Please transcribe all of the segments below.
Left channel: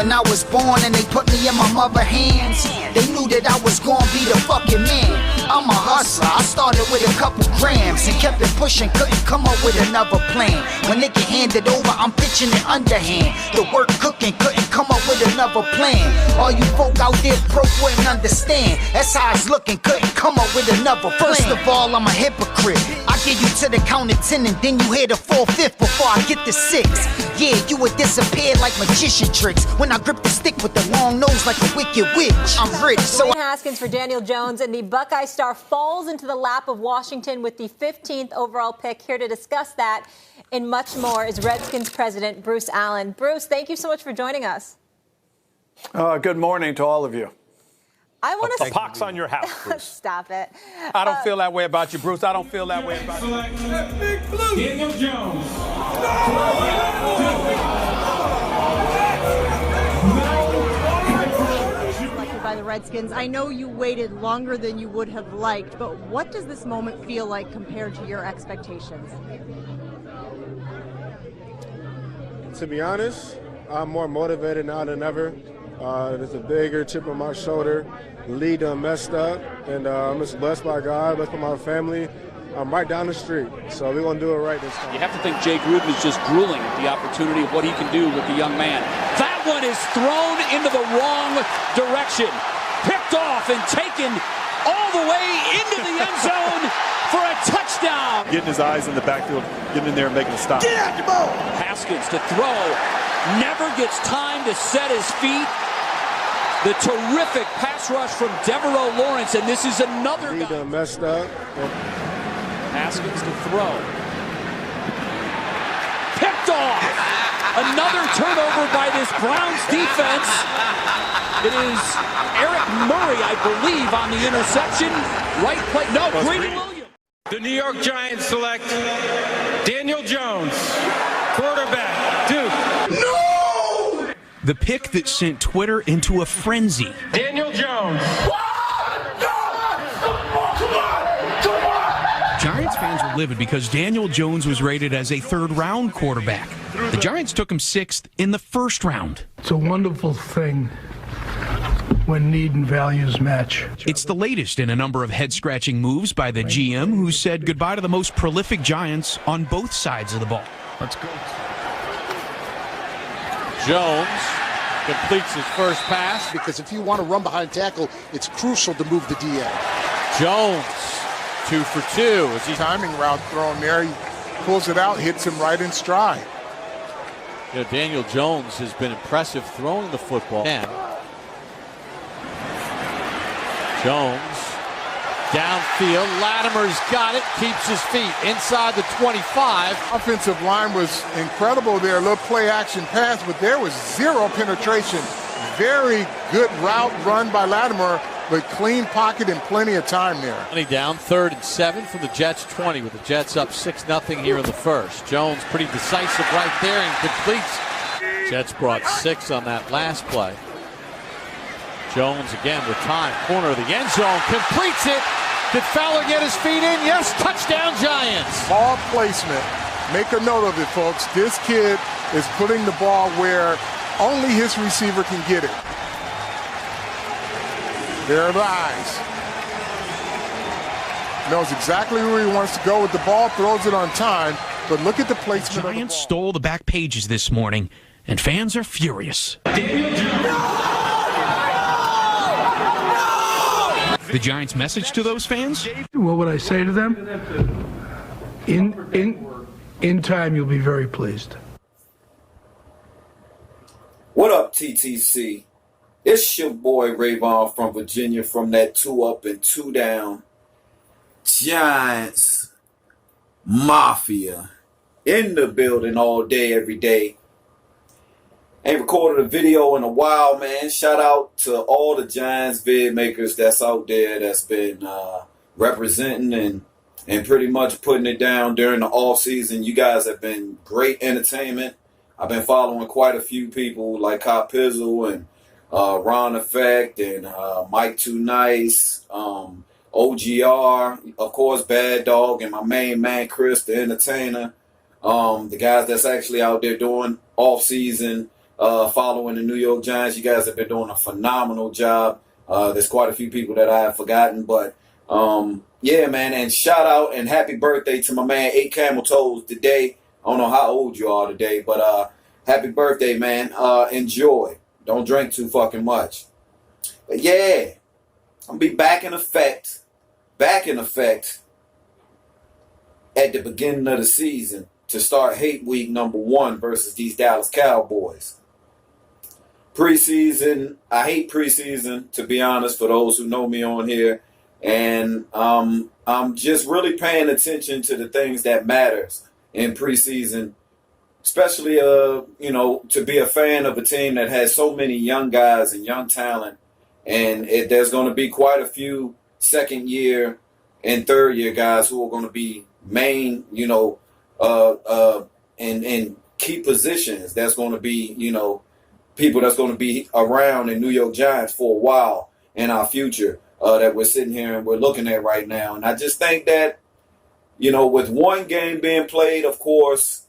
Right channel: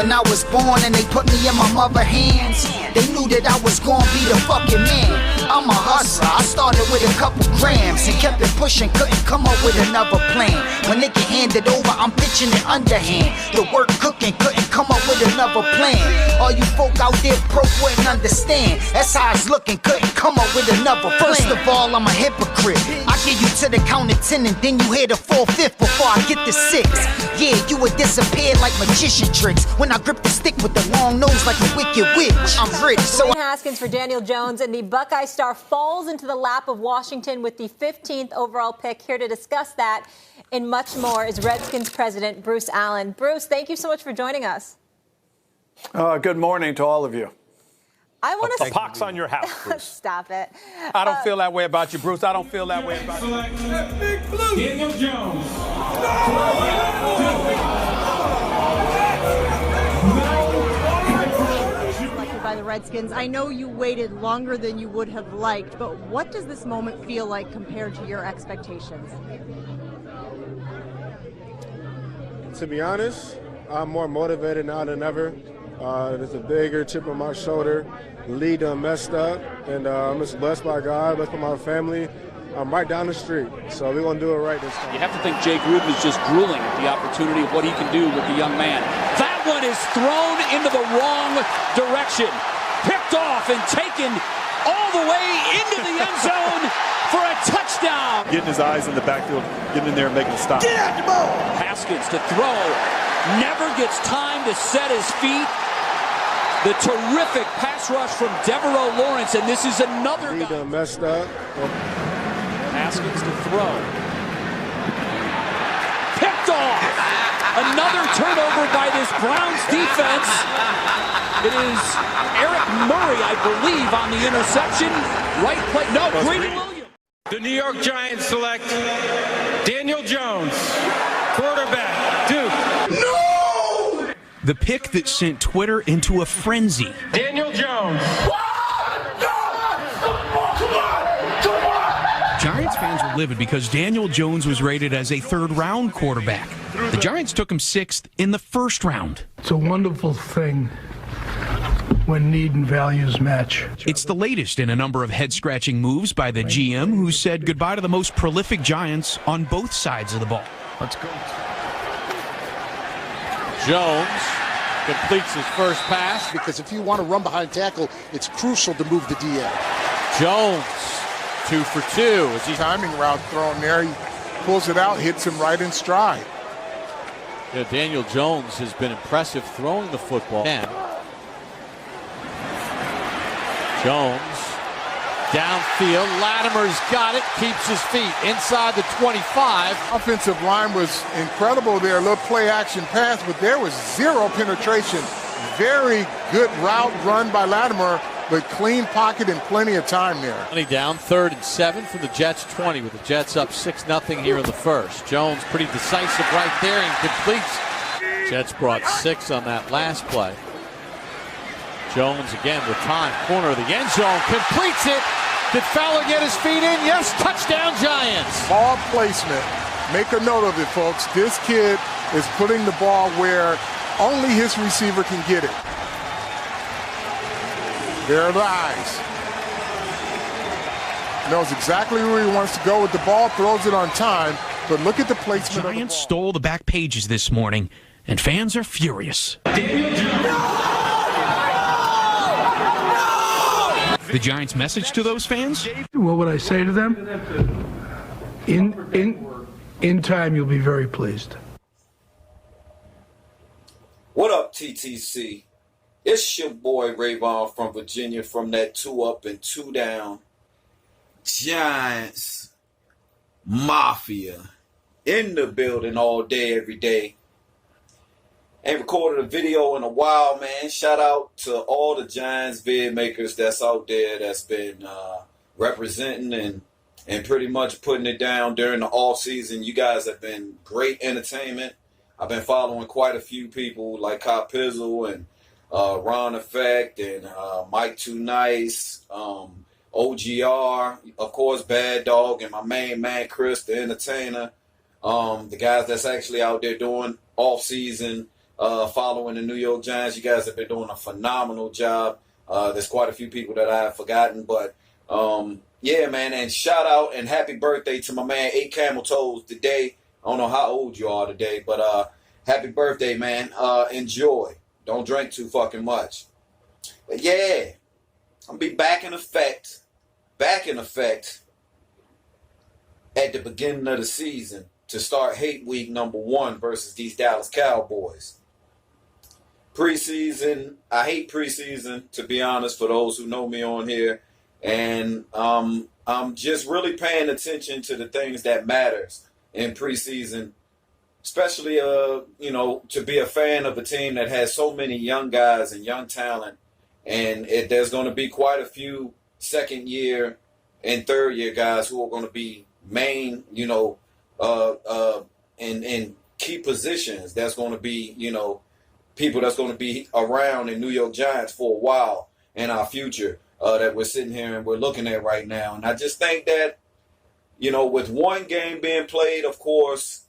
When I was born and they put me in my mother's hands, they knew that I was gonna be the fucking man. I'm a hustler, I started with a couple grams and kept it pushing, couldn't come up with another plan. When they get handed over, I'm pitching it underhand. The work cooking, couldn't come up with another plan. All you folk out there broke wouldn't understand. That's how it's looking, couldn't come up with another plan. First of all, I'm a hypocrite. I get you to the count of 10 and then you hear the 4/5 before I get to 6. Yeah, you would disappear like magician tricks when I grip the stick with the long nose like a wicked witch. I'm rich, so Dwayne Haskins for Daniel Jones, and the Buckeye star falls into the lap of Washington with the 15th overall pick. Here to discuss that and much more is Redskins president Bruce Allen. Bruce, thank you so much for joining us. Good morning to all of you. I want to pox on your house, Bruce. Stop it. I don't feel that way about you, Bruce. I don't feel that way about you. Daniel Jones. Selected by the Redskins. I know you waited longer than you would have liked, but what does this moment feel like compared to your expectations? To be honest, I'm more motivated now than ever. There's a bigger chip on my shoulder. Lead done messed up, and I'm just blessed by God, blessed by my family. I'm right down the street, so we're going to do it right this time. You have to think Jay Gruden is just drooling at the opportunity of what he can do with the young man. That one is thrown into the wrong direction. Picked off and taken all the way into the end zone for a touchdown. Getting his eyes in the backfield, getting in there and making a stop. Get out the ball. Haskins to throw. Never gets time to set his feet. The terrific pass rush from Devereaux Lawrence, and this is another Lead done messed up. Haskins to throw. Picked off. Another turnover by this Browns defense. It is Eric Murray, I believe, on the interception. Right play. No, Greedy Williams. The New York Giants select Daniel Jones, quarterback, Duke. No! The pick that sent Twitter into a frenzy. Daniel Jones. Giants fans were livid because Daniel Jones was rated as a third-round quarterback. The Giants took him 6th in the first round. It's a wonderful thing when need and values match. It's the latest in a number of head-scratching moves by the GM, who said goodbye to the most prolific Giants on both sides of the ball. Let's go. Jones completes his first pass. Because if you want to run behind tackle, it's crucial to move the DN. Jones, 2 for 2. As he timing route thrown there, he pulls it out, hits him right in stride. You know, Daniel Jones has been impressive throwing the football. Jones downfield. Latimer's got it, keeps his feet inside the 25. Offensive line was incredible there. A little play action pass, but there was zero penetration. Very good route run by Latimer, but clean pocket and plenty of time there. Down 3rd and 7 from the Jets 20 with the Jets up 6-0 here in the first. Jones pretty decisive right there and completes. Jets brought 6 on that last play. Jones again with time, corner of the end zone, completes it. Did Fowler get his feet in? Yes, touchdown Giants. Ball placement. Make a note of it, folks. This kid is putting the ball where only his receiver can get it. There are the eyes. Knows exactly where he wants to go with the ball, throws it on time, but look at the placement. The Giants stole the back pages this morning, and fans are furious. The Giants' message to those fans? What would I say to them? In time, you'll be very pleased. What up, TTC? It's your boy Rayvon from Virginia from that 2 up and 2 down. Giants Mafia in the building all day, every day. Ain't recorded a video in a while, man. Shout out to all the Giants vid makers that's out there that's been representing and pretty much putting it down during the offseason. You guys have been great entertainment. I've been following quite a few people like Hot Pizzle and Ron Effect and Mike Too Nice, OGR, of course Bad Dog, and my main man Chris the Entertainer. The guys that's actually out there doing off-season following the New York Giants. You guys have been doing a phenomenal job. There's quite a few people that I have forgotten, but yeah, man. And shout out and happy birthday to my man 8 Camel Toes today. I don't know how old you are today, but happy birthday, man. Enjoy. Don't drink too fucking much. But yeah, I'm gonna be back in effect at the beginning of the season to start hate week number 1 versus these Dallas Cowboys. Preseason, I hate preseason, to be honest, for those who know me on here. And I'm just really paying attention to the things that matters in preseason, especially, you know, to be a fan of a team that has so many young guys and young talent. And there's going to be quite a few second-year and third-year guys who are going to be main, you know, in key positions. That's going to be, you know, people that's going to be around in New York Giants for a while in our future that we're sitting here and we're looking at right now. And I just think that, you know, with one game being played, of course,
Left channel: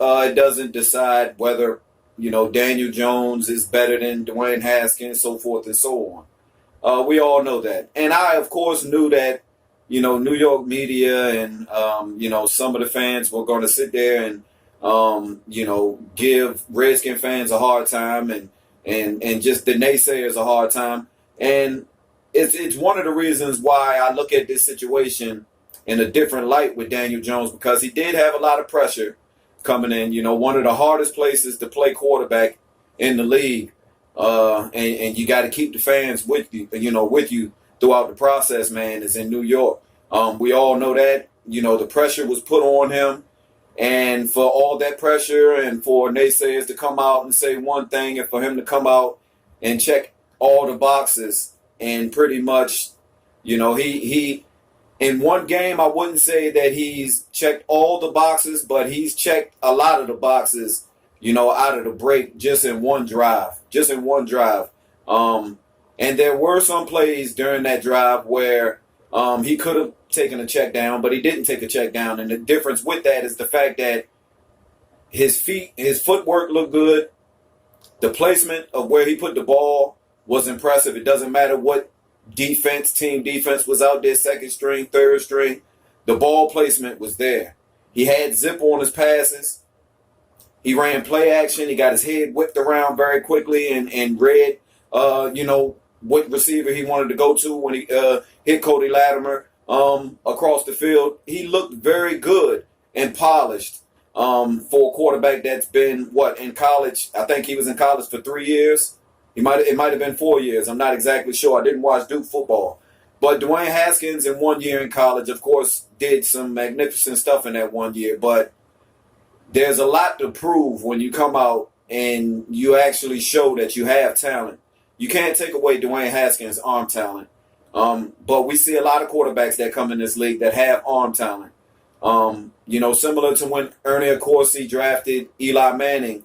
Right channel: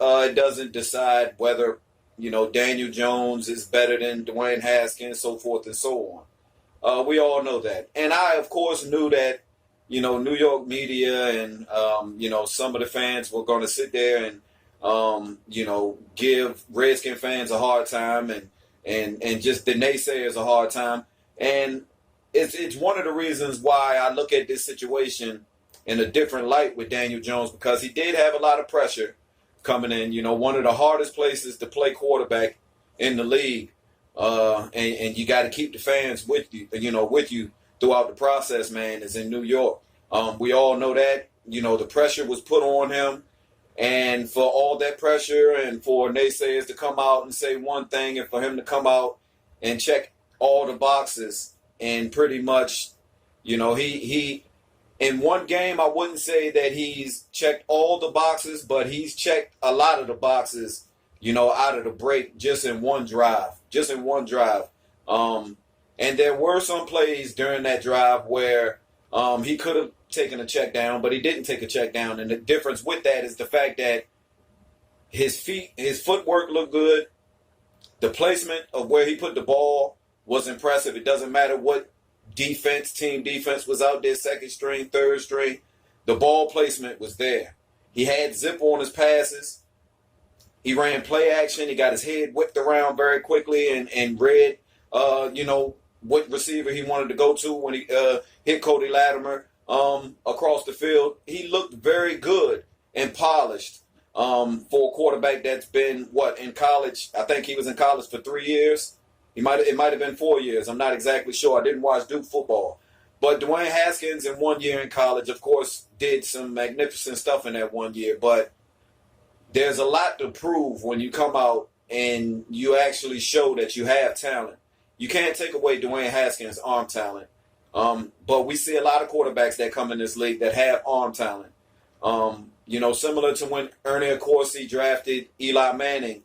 it doesn't decide whether, you know, Daniel Jones is better than Dwayne Haskins, so forth and so on. We all know that. And I, of course, knew that, you know, New York media and, you know, some of the fans were going to sit there and, you know, give Redskin fans a hard time and just the naysayers a hard time. And it's one of the reasons why I look at this situation in a different light with Daniel Jones, because he did have a lot of pressure coming in. You know, one of the hardest places to play quarterback in the league. And you got to keep the fans with you throughout the process, man, is in New York. We all know that, you know, the pressure was put on him. And for all that pressure and for naysayers to come out and say one thing and for him to come out and check all the boxes and pretty much, you know, he in one game, I wouldn't say that he's checked all the boxes, but he's checked a lot of the boxes, you know, out of the break just in one drive. And there were some plays during that drive where he could have taken a check down, but he didn't take a check down. And the difference with that is the fact that his footwork looked good. The placement of where he put the ball was impressive. It doesn't matter what team defense was out there, second string, third string. The ball placement was there. He had zip on his passes. He ran play action. He got his head whipped around very quickly and read, you know, what receiver he wanted to go to when he hit Cody Latimer across the field. He looked very good and polished for a quarterback that's been, in college? I think he was in college for 3 years. It might have been 4 years. I'm not exactly sure. I didn't watch Duke football. But Dwayne Haskins in 1 year in college, of course, did some magnificent stuff in that 1 year. But there's a lot to prove when you come out and you actually show that you have talent. You can't take away Dwayne Haskins' arm talent. But we see a lot of quarterbacks that come in this league that have arm talent. You know, similar to when Ernie Accorsi drafted Eli Manning,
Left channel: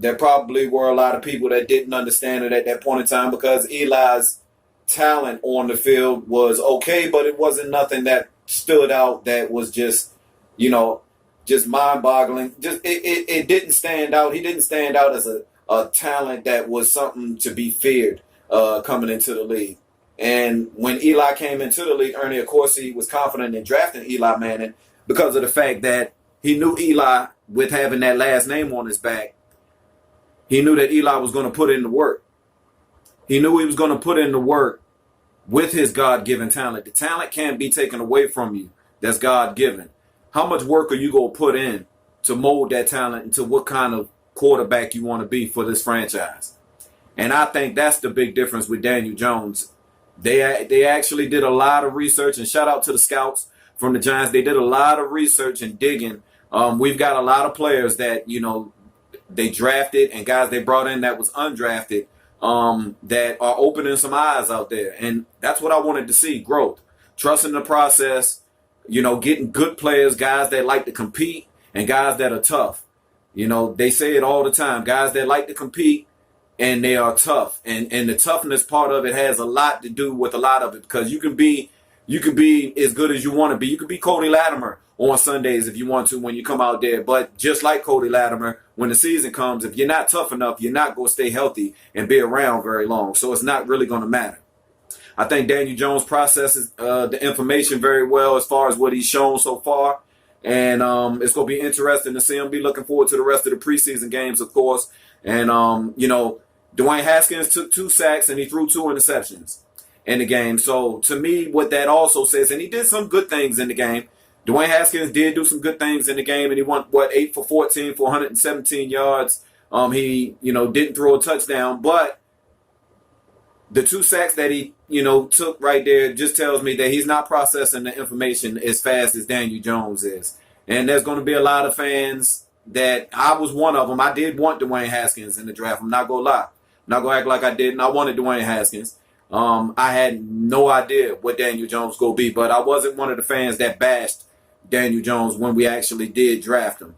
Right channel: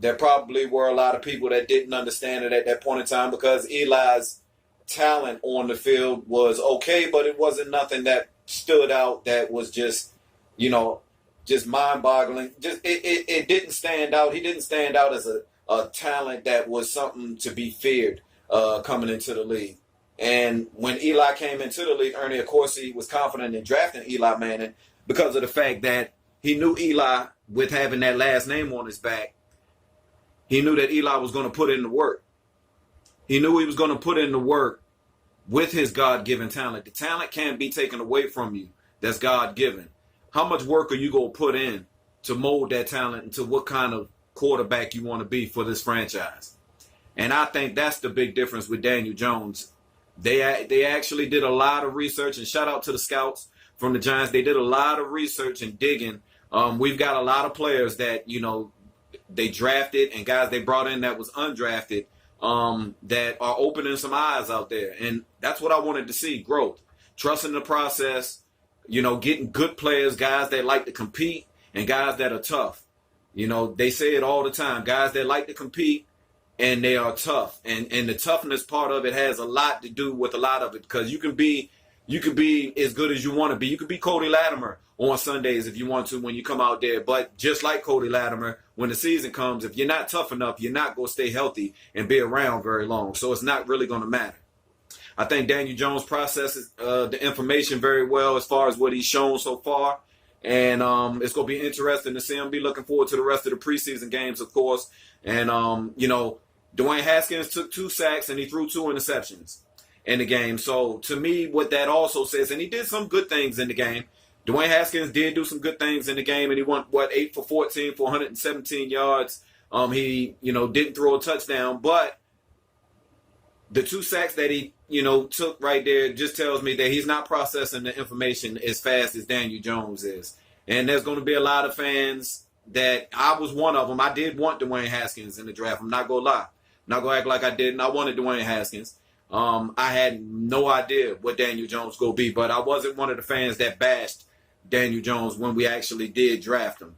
there probably were a lot of people that didn't understand it at that point in time because Eli's talent on the field was okay, but it wasn't nothing that stood out that was just, you know, just mind-boggling. Just it didn't stand out. He didn't stand out as a talent that was something to be feared coming into the league. And when Eli came into the league, Ernie Accorsi was confident in drafting Eli Manning because of the fact that he knew Eli, with having that last name on his back, he knew that Eli was going to put in the work. He knew he was going to put in the work with his God-given talent. The talent can't be taken away from you. That's God-given. How much work are you going to put in to mold that talent into what kind of quarterback you want to be for this franchise? And I think that's the big difference with Daniel Jones. They actually did a lot of research, and shout out to the scouts from the Giants. They did a lot of research and digging. We've got a lot of players that, you know, they drafted and guys they brought in that was undrafted that are opening some eyes out there. And that's what I wanted to see, growth. Trusting the process, you know, getting good players, guys that like to compete and guys that are tough. You know, they say it all the time, guys that like to compete and they are tough. And the toughness part of it has a lot to do with a lot of it because you can be you can be as good as you want to be. You could be Cody Latimer on Sundays if you want to when you come out there. But just like Cody Latimer, when the season comes, if you're not tough enough, you're not going to stay healthy and be around very long. So it's not really going to matter. I think Daniel Jones processes the information very well as far as what he's shown so far. And it's going to be interesting to see him. Be looking forward to the rest of the preseason games, of course. And, Dwayne Haskins took 2 sacks and he threw 2 interceptions in the game. So to me, what that also says, and he did some good things in the game. Dwayne Haskins did do some good things in the game, and he went, 8 for 14 for 117 yards. He, didn't throw a touchdown, but the 2 sacks that he, took right there just tells me that he's not processing the information as fast as Daniel Jones is. And there's going to be a lot of fans that I was one of them. I did want Dwayne Haskins in the draft. I'm not going to lie. I'm not going to act like I didn't. I wanted Dwayne Haskins. I had no idea what Daniel Jones was going to be, but I wasn't one of the fans that bashed Daniel Jones when we actually did draft him.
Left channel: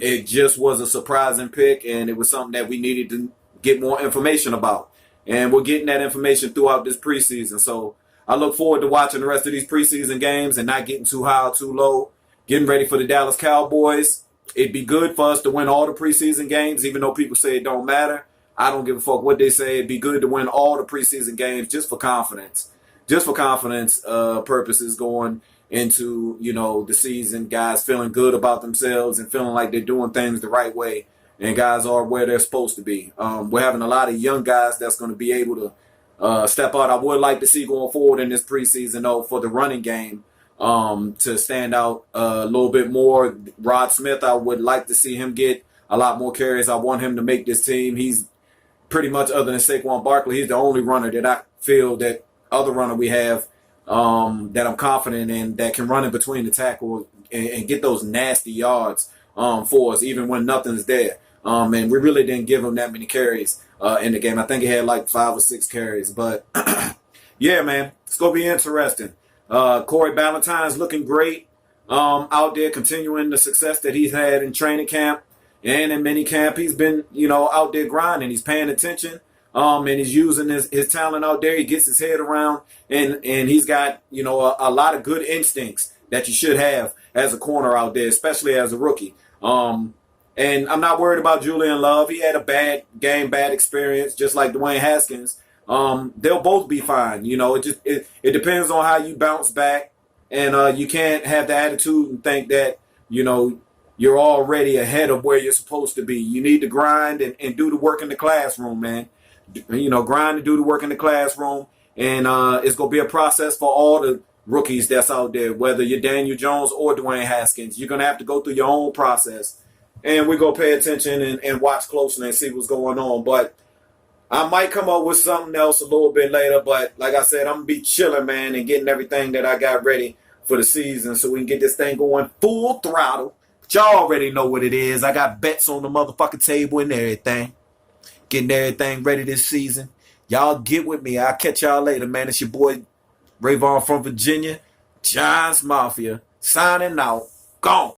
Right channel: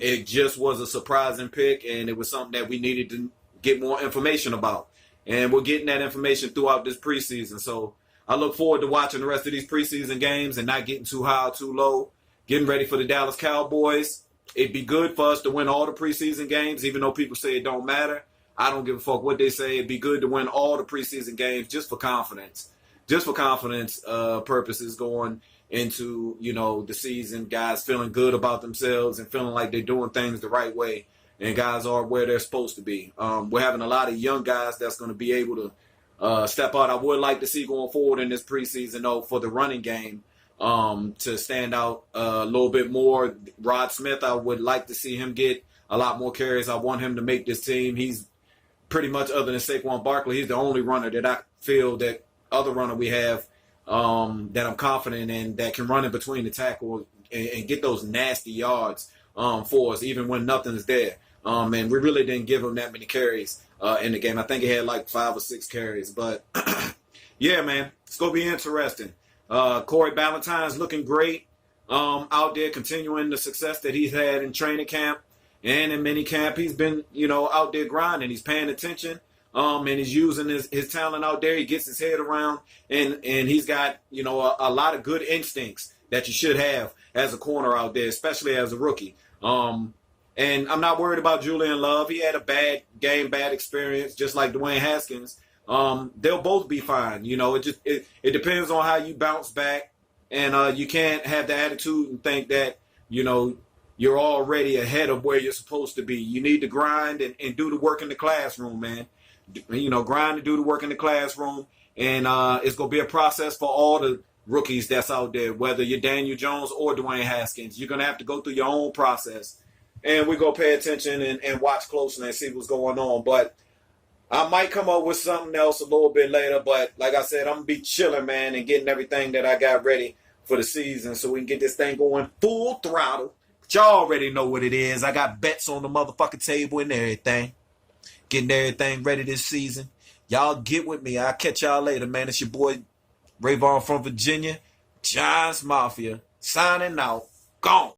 It just was a surprising pick, and it was something that we needed to get more information about. And we're getting that information throughout this preseason. So I look forward to watching the rest of these preseason games and not getting too high or too low, getting ready for the Dallas Cowboys. It'd be good for us to win all the preseason games, even though people say it don't matter. I don't give a fuck what they say. It'd be good to win all the preseason games just for confidence. Just for confidence purposes going into, the season. Guys feeling good about themselves and feeling like they're doing things the right way. And guys are where they're supposed to be. We're having a lot of young guys that's going to be able to step out. I would like to see going forward in this preseason, though, for the running game to stand out a little bit more. Rod Smith, I would like to see him get a lot more carries. I want him to make this team. He's pretty much, other than Saquon Barkley, he's the only runner that I feel that other runner we have that I'm confident in that can run in between the tackle and get those nasty yards for us, even when nothing's there. And we really didn't give him that many carries in the game. I think he had like 5 or 6 carries. But, yeah, man, it's going to be interesting. Corey Ballantyne's looking great out there, continuing the success that he's had in training camp and in mini camp. He's been, out there grinding. He's paying attention, and he's using his talent out there. He gets his head around, and he's got, a lot of good instincts that you should have as a corner out there, especially as a rookie. And I'm not worried about Julian Love. He had a bad game, bad experience, just like Dwayne Haskins. They'll both be fine. It depends on how you bounce back. And you can't have the attitude and think that, you're already ahead of where you're supposed to be. You need to grind and do the work in the classroom, man. Grind and do the work in the classroom. And it's going to be a process for all the rookies that's out there, whether you're Daniel Jones or Dwayne Haskins. You're going to have to go through your own process. And we're going to pay attention and watch closely and see what's going on. But I might come up with something else a little bit later. But like I said, I'm going to be chilling, man, and getting everything that I got ready for the season so we can get this thing going full throttle. But y'all already know what it is. I got bets on the motherfucking table and everything. Getting everything ready this season. Y'all get with me. I'll catch y'all later, man. It's your boy, Rayvon from Virginia. Giants Mafia. Signing out. Gone.